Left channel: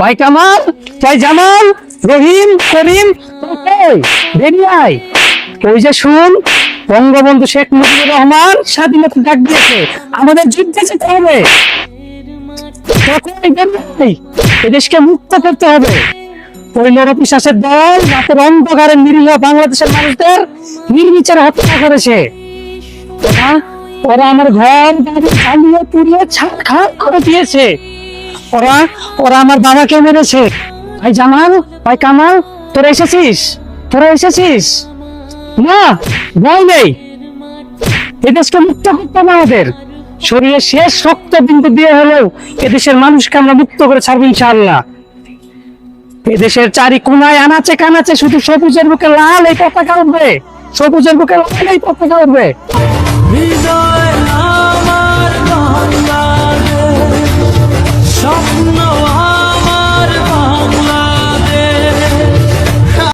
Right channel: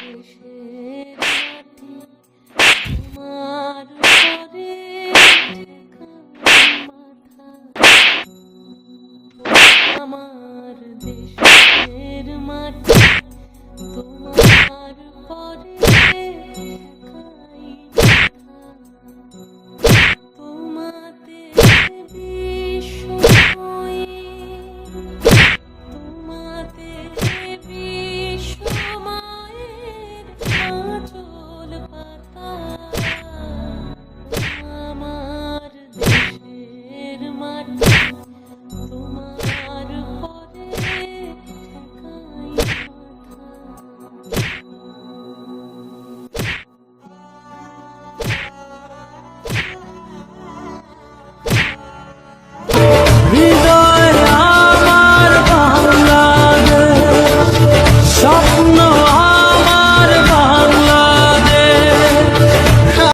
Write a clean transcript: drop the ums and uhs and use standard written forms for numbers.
ভাই কামাল, ভাই জামাল, রহিম, করিম, বেরিয়াই। ওই যে শুন, বঙ্গবন্ধু শেখ মুজিবুর রহমান স্বাধীনতা ডাক দিয়েছে, আমাদের যুদ্ধে যেতে হবে। এদেশকে মুক্ত করতে হবে। ওই নরপিশাচের দল রাতের অন্ধকারে নিরীহ বাংলাদেশের মানুষদের নির্বিচারে হত্যা করেছে। ওরা আমার ঘর বাড়ি জ্বালিয়ে পুড়িয়ে ছারখার করে দিয়েছে। ওরা ওরা আমার বাবাকে মেরেছে। ভাই জামাল, ভাই কামাল, তোরা এসেছিস? তোরা এসেছিস? না, ভয় নেই। এদেশকে মুক্ত করতে হবে আমাদের। শরীরের শেষ রক্ত বিন্দু দিয়ে হলেও এদেশের মানুষকে আমরা মুক্ত করে ছাড়বো ইনশাআল্লাহ। এদেশের চারি কোনায় আনাচে কানাচে শুধু সবুজের বুকে লাল এই পতাকা উঠবে, সবুজের বুকে লাল এই পতাকা উঠবে। হৃদয় আমার বাংলাদেশ, স্বপ্ন